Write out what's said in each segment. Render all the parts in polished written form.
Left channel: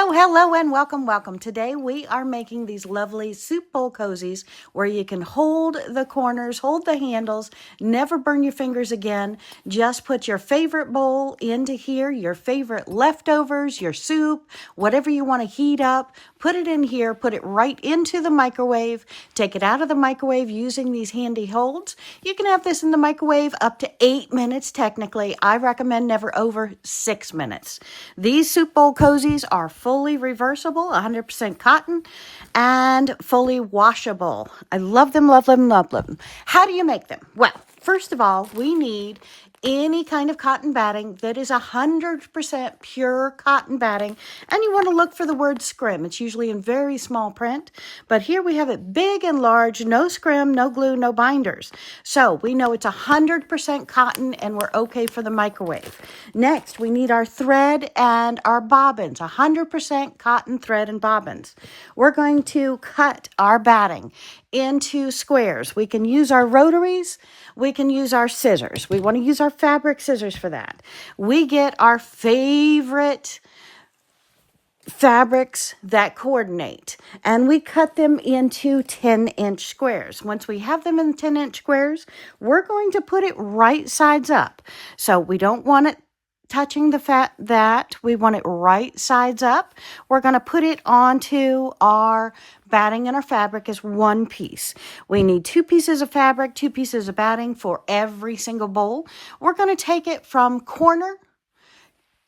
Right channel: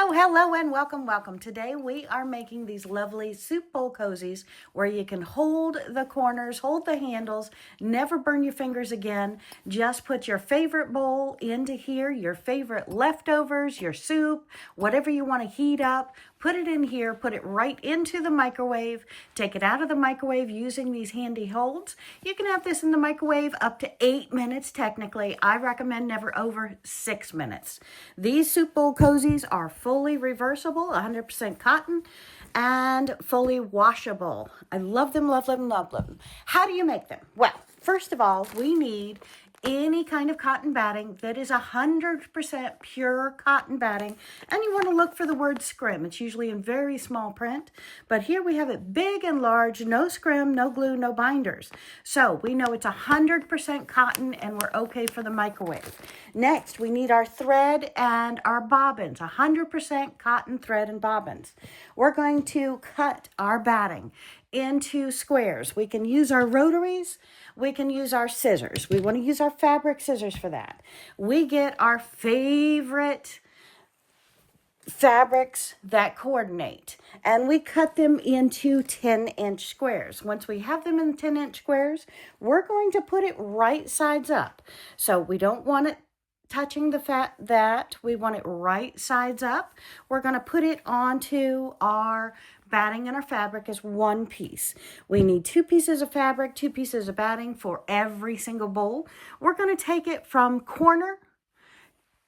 Hello, and welcome. Today we are making these lovely soup bowl cozies where you can hold the corners, hold the handles, never burn your fingers again. Just put your favorite bowl into here, your favorite leftovers, your soup, whatever you want to heat up. Put it in here, put it right into the microwave. Take it out of the microwave using these handy holds. You can have this in the microwave up to 8 minutes technically. I recommend never over 6 minutes. These soup bowl cozies are fully reversible, 100% cotton, and fully washable. I love them, love them, love them. How do you make them? Well, first of all, we need any kind of cotton batting that is 100% pure cotton batting, and you want to look for the word scrim. It's usually in very small print, but here we have it big and large, no scrim, no glue, no binders. So we know it's 100% cotton and we're okay for the microwave. Next, we need our thread and our bobbins, 100% cotton thread and bobbins. We're going to cut our batting into squares. We can use our rotaries. We can use our scissors. We want to use our fabric scissors for that. We get our favorite fabrics that coordinate, and we cut them into 10-inch squares. Once we have them in 10-inch squares, we're going to put it right sides up. So we don't want it touching we want it right sides up. We're going to put it onto our batting, and our fabric is one piece. We need 2 pieces of fabric, 2 pieces of batting for every single bowl. We're going to take it from corner,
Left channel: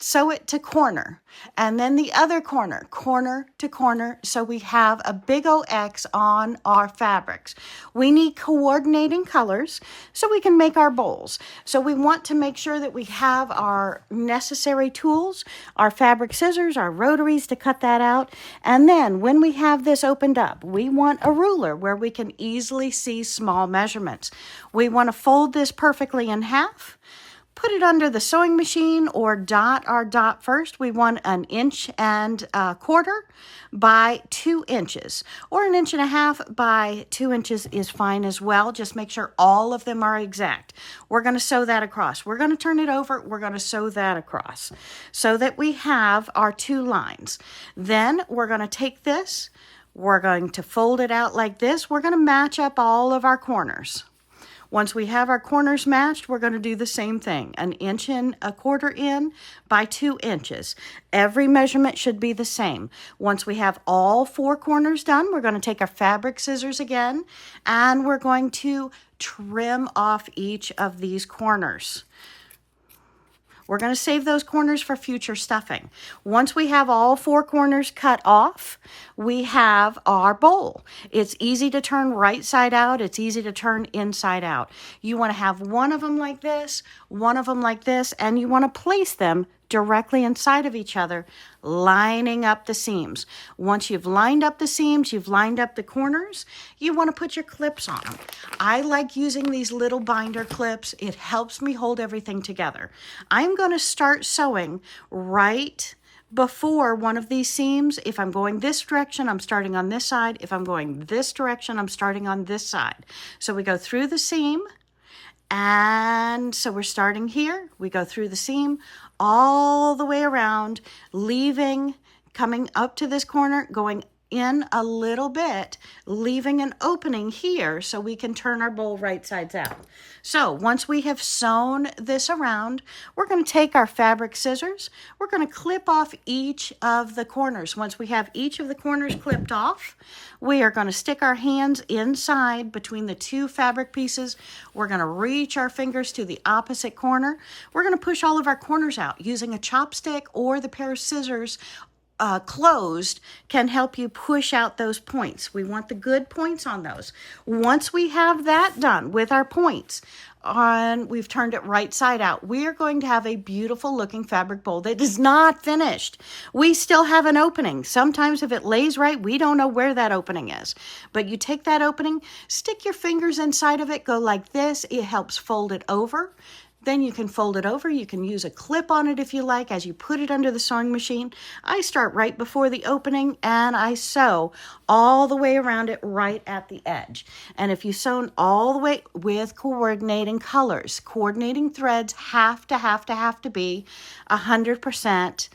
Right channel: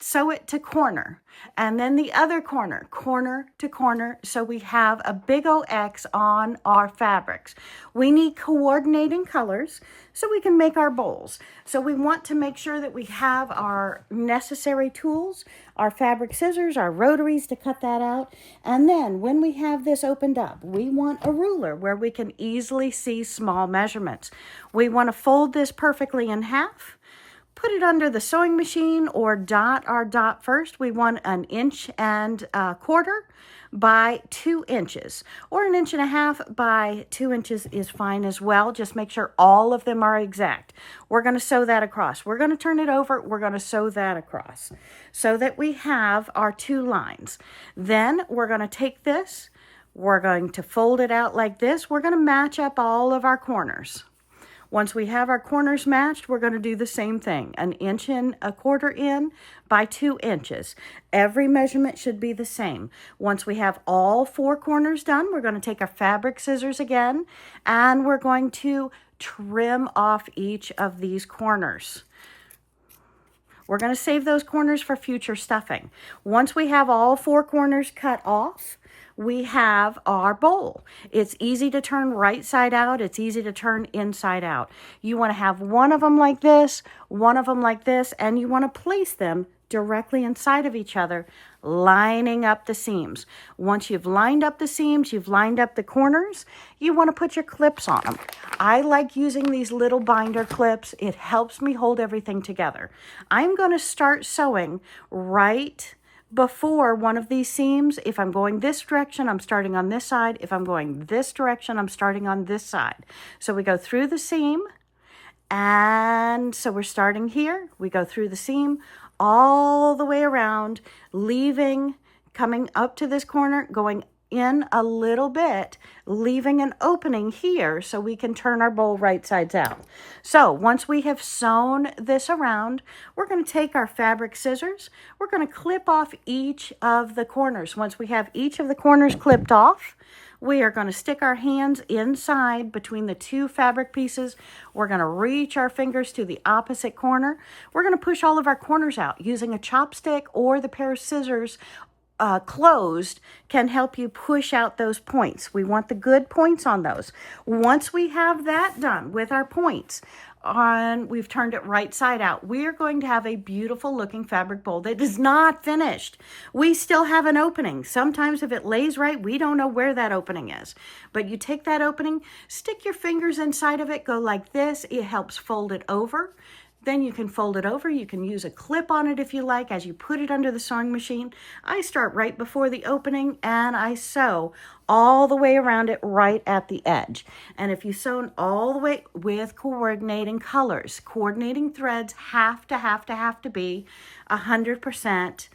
sew it to corner, and then the other corner, corner to corner, so we have a big old X on our fabrics. We need coordinating colors so we can make our bowls. So we want to make sure that we have our necessary tools, our fabric scissors, our rotaries to cut that out. And then when we have this opened up, we want a ruler where we can easily see small measurements. We want to fold this perfectly in half. Put it under the sewing machine or dot our dot first. We want 1 1/4 inches by 2 inches, or 1.5 inches by 2 inches is fine as well. Just make sure all of them are exact. We're going to sew that across. We're going to turn it over. We're going to sew that across so that we have our 2 lines. Then we're going to take this. We're going to fold it out like this. We're going to match up all of our corners. Once we have our corners matched, we're going to do the same thing, 1 1/4 inches by 2 inches. Every measurement should be the same. Once we have all 4 corners done, we're going to take our fabric scissors again, and we're going to trim off each of these corners. We're going to save those corners for future stuffing. Once we have all 4 corners cut off, we have our bowl. It's easy to turn right side out. It's easy to turn inside out. You want to have one of them like this, one of them like this, and you want to place them directly inside of each other, lining up the seams. Once you've lined up the seams, you've lined up the corners, you want to put your clips on them. I like using these little binder clips. It helps me hold everything together. I'm going to start sewing right before one of these seams. If I'm going this direction, I'm starting on this side. If I'm going this direction, I'm starting on this side. So we go through the seam, and so we're starting here. We go through the seam all the way around, coming up to this corner, going in a little bit, leaving an opening here so we can turn our bowl right sides out. So once we have sewn this around, we're going to take our fabric scissors. We're going to clip off each of the corners. Once we have each of the corners clipped off, we are going to stick our hands inside between the 2 fabric pieces. We're going to reach our fingers to the opposite corner. We're going to push all of our corners out using a chopstick, or the pair of scissors closed can help you push out those points. We want the good points on those. Once we have that done with our points, we've turned it right side out, we are going to have a beautiful looking fabric bowl that is not finished. We still have an opening. Sometimes if it lays right, we don't know where that opening is. But you take that opening, stick your fingers inside of it, go like this. It helps fold it over. Then you can fold it over. You can use a clip on it if you like as you put it under the sewing machine. I start right before the opening, and I sew all the way around it right at the edge. And if you sew all the way with coordinating colors, coordinating threads have to be 100%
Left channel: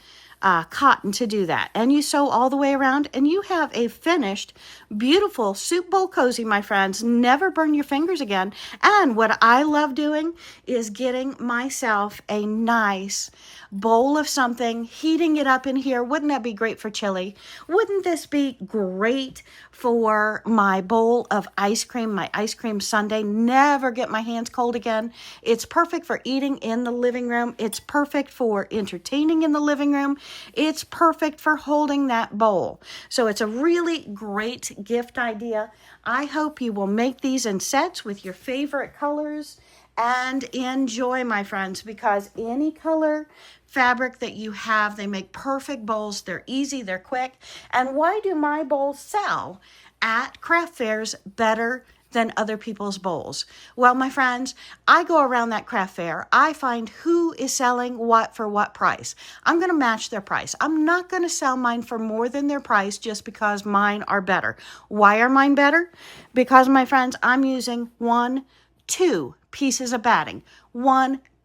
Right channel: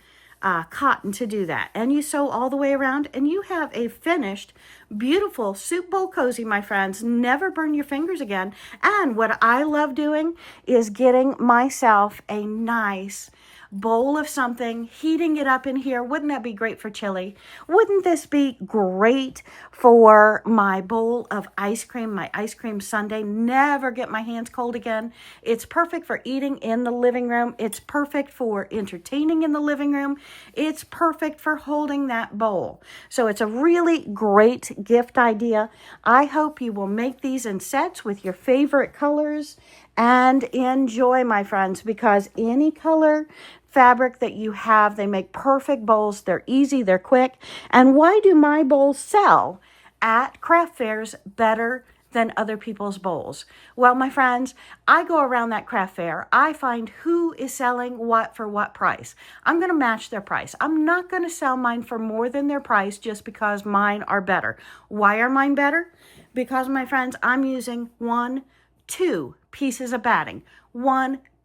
cotton to do that. And you sew all the way around and you have a finished, beautiful soup bowl cozy, my friends. Never burn your fingers again. And what I love doing is getting myself a nice bowl of something, heating it up in here. Wouldn't that be great for chili? Wouldn't this be great for my bowl of ice cream, my ice cream sundae? Never get my hands cold again. It's perfect for eating in the living room. It's perfect for entertaining in the living room. It's perfect for holding that bowl. So it's a really great gift idea. I hope you will make these in sets with your favorite colors and enjoy, my friends, because any color fabric that you have, they make perfect bowls. They're easy, they're quick. And why do my bowls sell at craft fairs better than other people's bowls? Well, my friends, I go around that craft fair. I find who is selling what for what price. I'm going to match their price. I'm not going to sell mine for more than their price just because mine are better. Why are mine better? Because, my friends, I'm using 2 pieces of batting.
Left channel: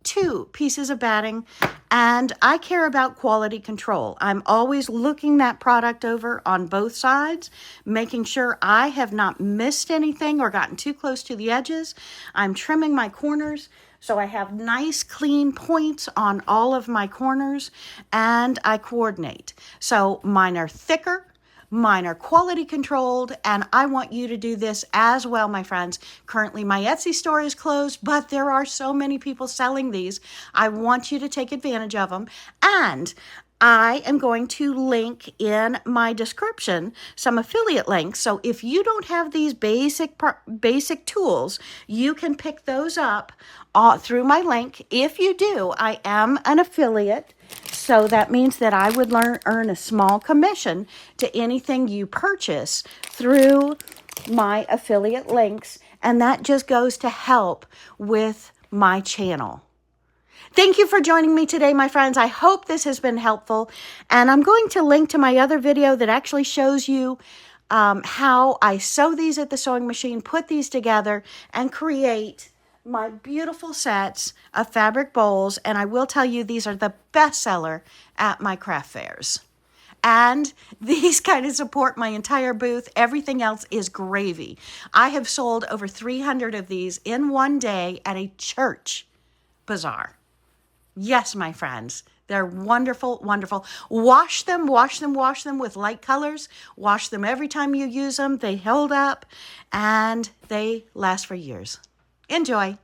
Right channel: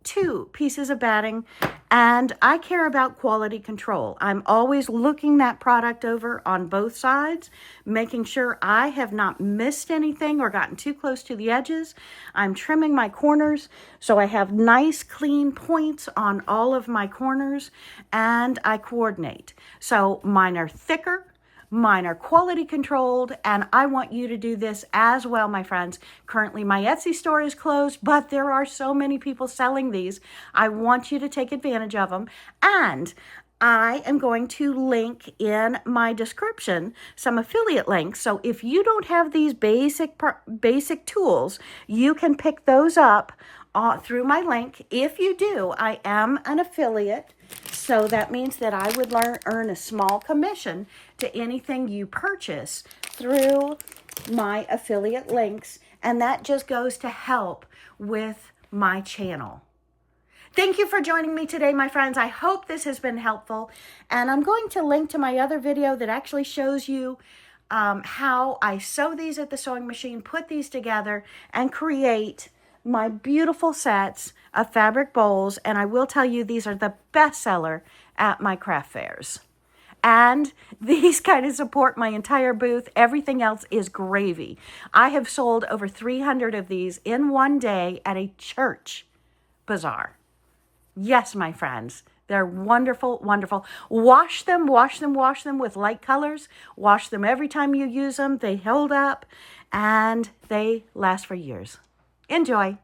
2 pieces of batting, and I care about quality control. I'm always looking that product over on both sides, making sure I have not missed anything or gotten too close to the edges. I'm trimming my corners so I have nice clean points on all of my corners, and I coordinate. So mine are thicker, mine are quality controlled, and I want you to do this as well, my friends. Currently, my Etsy store is closed, but there are so many people selling these. I want you to take advantage of them. And I am going to link in my description some affiliate links. So if you don't have these basic tools, you can pick those up through my link. If you do, I am an affiliate. So that means that I would earn a small commission to anything you purchase through my affiliate links. And that just goes to help with my channel. Thank you for joining me today, my friends. I hope this has been helpful. And I'm going to link to my other video that actually shows you how I sew these at the sewing machine, put these together, and create my beautiful sets of fabric bowls. And I will tell you, these are the best seller at my craft fairs. And these kind of support my entire booth. Everything else is gravy. I have sold over 300 of these in one day at a church bazaar. Yes, my friends, they're wonderful, wonderful. Wash them with light colors. Wash them every time you use them. They hold up and they last for years. Enjoy.